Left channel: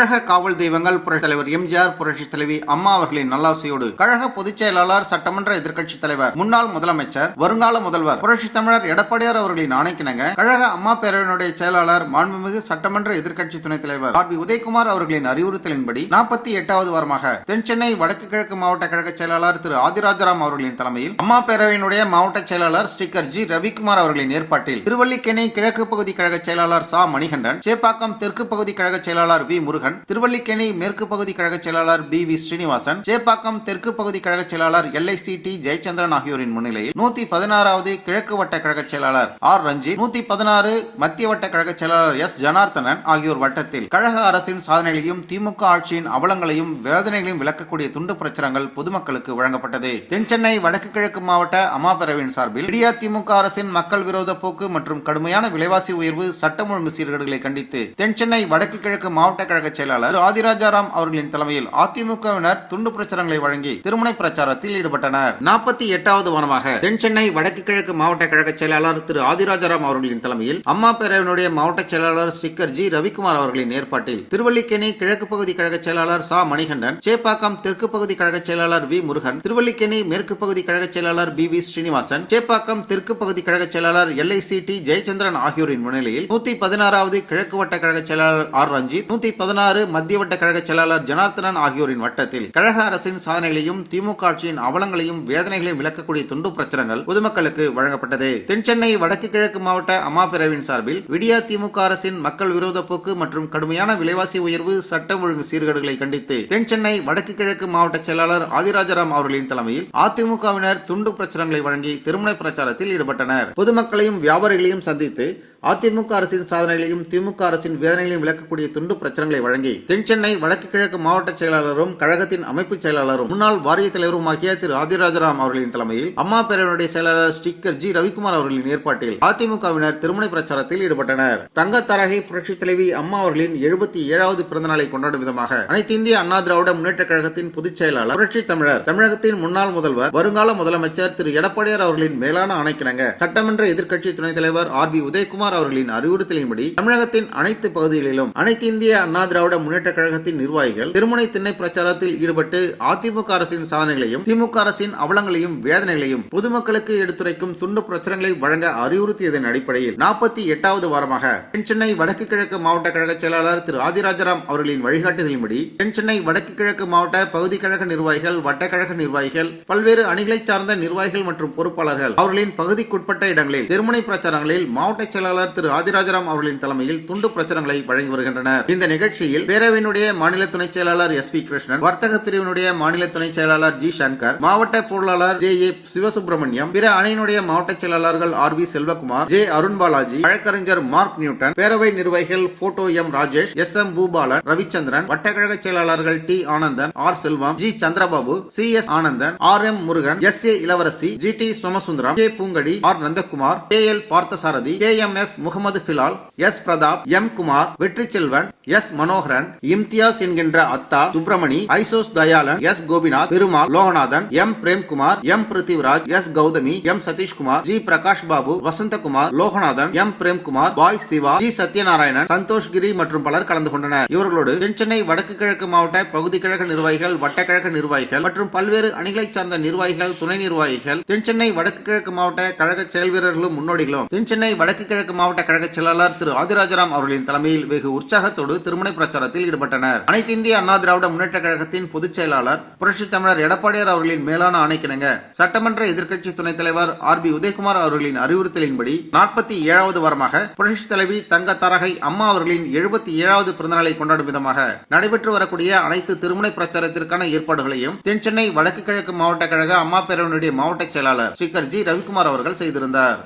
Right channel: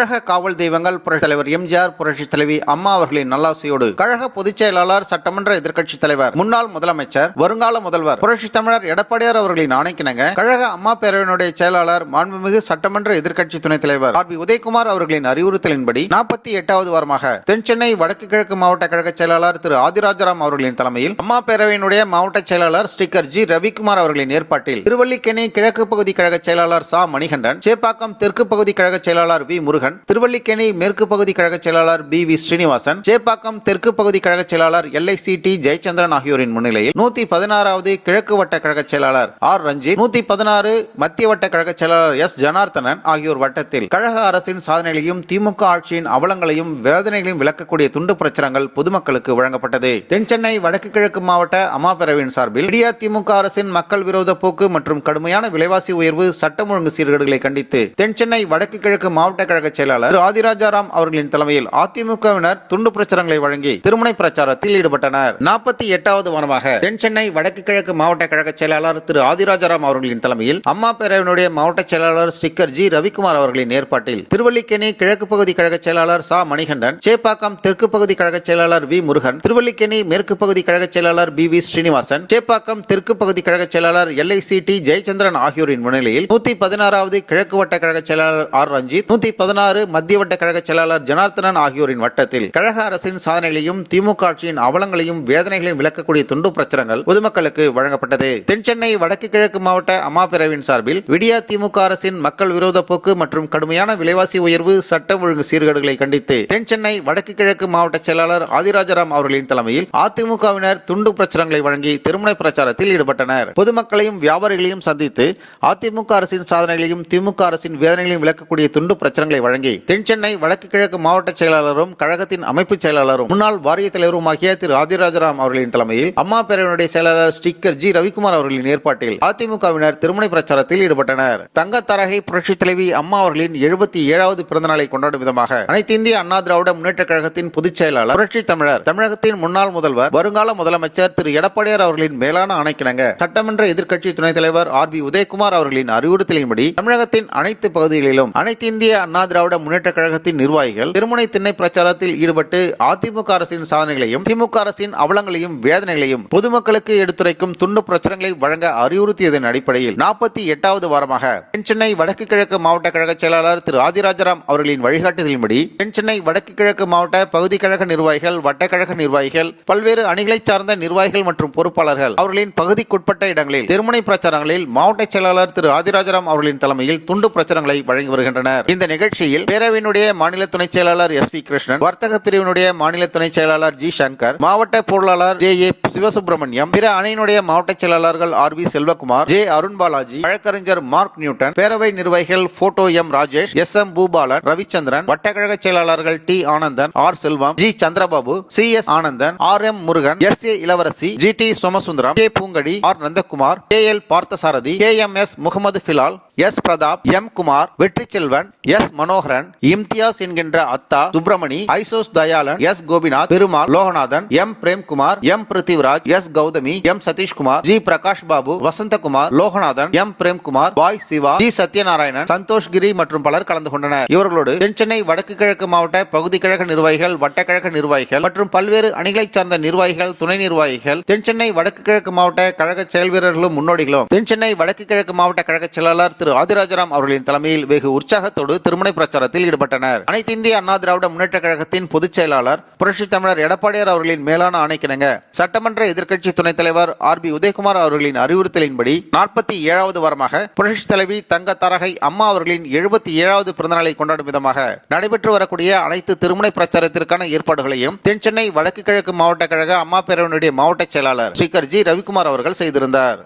கழக காவல் தெய்வங்கள் புரட்சித் தலைவர் எம்ஜிஆர், புரட்சித் தலைவி அம்மா அவர்களின் நல்லாசியோடு கழக பொதுச் செயலாளர், சட்டமன்ற எதிர்க்கட்சித் தலைவர், முன்னாள் முதலமைச்சர், வருங்கால முதல்வர் புரட்சித் தமிழர் எடப்பாடியார் அவர்களின் ஆணைக்கிணங்க கழக அம்மா பேரவையினுடைய செயலாளர், மாண்புமிகு சட்டமன்ற எதிர்க்கட்சி துணைத் தலைவர் ஆர். பி. உதயகுமார் அவர்களின் அறிவுறுத்தலின்படி 48வது வாரமாக தென்சென்னை வடக்கு கிழக்கு மாவட்ட கழக செயலாளர் திரு ஆதிராஜாராம் அவர்களின் தலைமையில் அம்மா பேரவையினுடைய மாவட்ட செயலாளர் ஸ்ரீகர் ஜி. ரவிக்குமார் அவர்களின் ஏற்பாட்டில் திருவல்லிக்கேணி கிழக்கு பகுதி கழக செயலாளர் சா. மணிகண்டன், சேப்பாக்கம் தெற்கு பகுதி கழக செயலாளர் வி. முருகன், திருவல்லிக்கேணி மேற்கு பகுதி கழக செயலாளர் பி. வி. ஸ்ரீனிவாசன், சேப்பாக்கம் தெற்கு பகுதி கழக செயலாளர் LICT ஜெயச்சந்திரன் ஆகியோரின் முன்னிலையில் 116வது கிழக்கு வட்ட கழக செயலாளர் ஆர். ரஞ்சித், 116 மத்திய வட்ட கழக செயலாளர் எஸ். ஜனார்த்தனன் ஆகியோர் வட்டத்தில் கழக அரசின் சாதனைகளையும் திமுக ஆட்சியின் அவலங்களையும் வேதனைகளையும் விளக்கக்கூடிய துண்டு பிரச்சுரங்கள் பொதுமக்களுக்கு வழங்கப்பட்டது. தென்சென்னை வடக்கு கிழக்கு மாவட்ட அம்மா பேரவையின் சார்பில் இந்தியா திமுக அரசின் மக்கள் விரோத போக்கு மற்றும் கடுமையான விலைவாசி உயர்வு, சட்டம் ஒழுங்கு சீர்கேடுகளை கண்டித்து தென்சென்னை வடக்கு கிழக்கு மாவட்ட கழக செயலாளர் ஆதிராஜாராம் அவர்களின் தலைமையில் அதிமுகவினர் துண்டு பிரச்சாரங்களை வழங்கி திருமுனை பிரச்சாரத்தில் ஈடுபட்டனர். 48வது வாரமாக தென்சென்னை வடக்கு கிழக்கு மாவட்ட கழக செயலாளர் திரு ஆதிராஜாராம் அவர்களின் தலைமையில் அம்மா பேரவையினுடைய மாவட்ட செயலாளர் ஸ்ரீகர் ஜி. ரவிக்குமார் அவர்களின் ஏற்பாட்டில் திருவல்லிக்கேணி கிழக்கு பகுதி கழக செயலாளர் சா. மணிகண்டன், சேப்பாக்கம் தெற்கு பகுதி கழக செயலாளர் வி. முருகன், திருவல்லிக்கேணி மேற்கு பகுதி கழக செயலாளர் பி. வி. ஸ்ரீனிவாசன், சேப்பாக்கம் தெற்கு பகுதி கழக செயலாளர் LICT ஜெயச்சந்திரன் ஆகியோரின் முன்னிலையில் 116வது கிழக்கு வட்ட கழக செயலாளர் ஆர். ரஞ்சித், 116 மத்திய வட்ட கழக செயலாளர் ஜனார்த்தனன் ஆகியோரின் வட்டத்தில் கழக அரசின் சாதனைகளையும் திமுக ஆட்சியின் அவலங்களையும் வேதனைகளையும் விளக்கக்கூடிய துண்டு பிரச்சுரங்கள் பொதுமக்களுக்கு வழங்கப்பட்டது. தென்சென்னை வடக்கு கிழக்கு மாவட்ட அம்மா பேரவையின் சார்பில் விடியா திமுக அரசின் மக்கள் விரோத போக்கு மற்றும் கடுமையான விலைவாசி உயர்வு, சட்டம் ஒழுங்கு சீர்கேடுகளை கண்டித்து தென்சென்னை வடக்கு கிழக்கு மாவட்ட செயலாளர் ஆதிராஜாராம் அவர்களின் தலைமையில் அதிமுகவினர் துண்டு பிரச்சுரங்களை வழங்கி திருமுனை பிரச்சாரத்தில் ஈடுபட்டனர். பொதுமக்களையும் வியாபாரிகளையும் சந்தித்து அதிமுக அரசின் சாதனைகளையும் திமுக அரசின் வேதனைகளையும் விளக்கக்கூடிய துண்டு பிரச்சுரங்களை வழங்கி தென்சென்னை வடக்கு கிழக்கு மாவட்ட செயலாளரும் கழகத்தின் அமைப்பு செயலாளரும் முன்னாள் வாரிய தலைவருமாகிய திரு ஆதிராஜாராம் அவர்களின் தலைமையில் அம்மா பேரவையினுடைய செயலாளர் ஸ்ரீகர் ஜி. ரவிக்குமார் அவர்களின் ஏற்பாட்டில் அதிமுகவினர் திருமுனை பிரச்சாரத்தில் ஈடுபட்டனர். தங்கத்தரகை புரட்சித் தலைவி அம்மா அவர்களின் 77வது பிறந்தநாளை கொண்டாடும் விதமாக அனைத்து இந்திய அண்ணா திராவிட முன்னேற்ற கழகத்தின் பொதுச் செயலாளர், புரட்சி தமிழர், தமிழகத்தின் முன்னாள் முதல்வர், வருங்கால முதலமைச்சர் திரு எடப்பாடியார் அவர்களின் மேலான ஆணைக்கிணங்க சட்டமன்ற எதிர்க்கட்சி துணைத் தலைவர் ஆர். பி. உதயகுமார் அவர்களின் அறிவுறுத்தலின்படி தமிழகத்தின் அனைத்து பகுதிகளிலும் அனைத்து இந்திய அண்ணா திராவிட முன்னேற்ற கழகத்தின் நிர்வாகிகள் திருமுனை திண்ணை பிரச்சாரத்தில் ஈடுபட்டு அதிமுக அரசின் சாதனைகளையும் திமுக அரசின் அவலங்களையும் வேதனைகளையும் பொதுமக்களுக்கு எடுத்துரைக்கும் துண்டு பிரச்சுரங்களை வழங்க அறிவுறுத்தியதன் அடிப்படையில் 48வது வாரமாக தென்சென்னை வடக்கு கிழக்கு மாவட்ட கழக செயலாளர் திரு ஆதிராஜாராம் அவர்களின் வழிகாட்டுதலின்படி தென்சென்னை வடக்கு கிழக்கு மாவட்ட பகுதி கழக நிர்வாகிகள், வட்டக்கழக நிர்வாகிகள், பல்வேறு அணிகளை சார்ந்த நிர்வாகிகள் மற்றும் பொறுப்பாளர்கள் அவர்களின் பகுதிக்குட்பட்ட இடங்களில் திருமுனை பிரச்சாரங்களில் மாவட்ட செயலாளர் திரு ஆதிராஜாராம் அவர்களின் தலைமையில் துண்டு பிரச்சுரங்களை வழங்கி வருகின்றனர். இந்த நிகழ்ச்சியில் பேரவையினுடைய மாநில துணை செயலாளர் எஸ். வி. கிருஷ்ணன், வர்த்தக பிரிவினுடைய மாநில துணை செயலாளர் ஜி. சங்கர், மாவட்ட பொருளாளர் ஜே. ஏ. சிவசுப்பிரமணியம், பிற அணியினுடைய மாவட்ட செயலாளர்கள் R. V. Selvakumar, J. Arunbalaji, வழக்கறிஞர் மார்க் நியூட்டன், பேரவை நிர்வாகிகள் photo M. Rajesh, S. M. Bhupalan, Ravichandran, வட்டக்கழக செயலாளர்கள் T. Anandan, R. Selvam, G. Chandrababu, C. S. Anandan, R. M. Murugan, S. A. Ilavarasi, G. T. Somasundaram, K. Poongadi, R. Nandakumar, K. L. Parthasarathy, K. M. S. Mohammed Bilal, S. Pratap, M. Kumar, Vetri Selvan, S. Manoharan, Imtiaz என்கின்ற அத்தா, சுப்பிரமணி, ஐசோஸ் Dayalan, S. Gopinath, Perumal, Loganathan, M. Premkumar, M. Prithviraj, S. Gauthami, M. Satheeshkumar, G. Prakash Babu, Vasanthakumar, Loganathan, M. Premkumar, Bai Siva, G. Sathyanarayanan, Santhoshgiri மற்றும் பலர் கலந்து கொண்டனர். இவர்களோடு தென்சென்னை வடக்கு கிழக்கு மாவட்ட பகுதி கழக நிர்வாகிகள், வட்டக்கழக நிர்வாகிகள் மற்றும் பல்வேறு அணிகளை சார்ந்த நிர்வாகிகள், துணை நிர்வாகிகள், தென்சென்னை வடக்கு கிழக்கு மாவட்ட கழக செயல் வீரர்களும் முன்னோடிகளும் தென்சென்னை வடக்கு கிழக்கு மாவட்ட கழக செயலாளர் திரு ஆதிராஜாராம் அவர்களின் தலைமையில் வெகு உற்சாகத்தோடு திருமுனை பிரச்சாரத்தில் ஈடுபட்டனர். அனைத்து இந்திய அண்ணா திராவிட முன்னேற்ற கழகத்தின் பொதுச் செயலாளர் புரட்சி தமிழர் எடப்பாடியார் அவர்களின் மேலான ஆணைக்கிணங்க சட்டமன்ற எதிர்க்கட்சி துணைத் தலைவர் ஆர். பி. உதயகுமார் அவர்களின் அறிவுறுத்தலின்படி 47வது வாரமாக புரட்சி தலைவி தங்கத்தரகை அம்மா அவர்களின் 77வது பிறந்தநாளை கொண்டாடும் விதமாக நடைபெற்று வரக்கூடிய அனைத்து திருமுனை பிரச்சாரத்திற்கான ஏற்பாடுகளையும் தென்சென்னை வடக்கு கிழக்கு மாவட்ட கழக அம்மா பேரவையினுடைய மாவட்ட செயலாளர் ஸ்ரீகர் ஜி. ரவிக்குமார் அவர்கள் செய்திருந்தார்.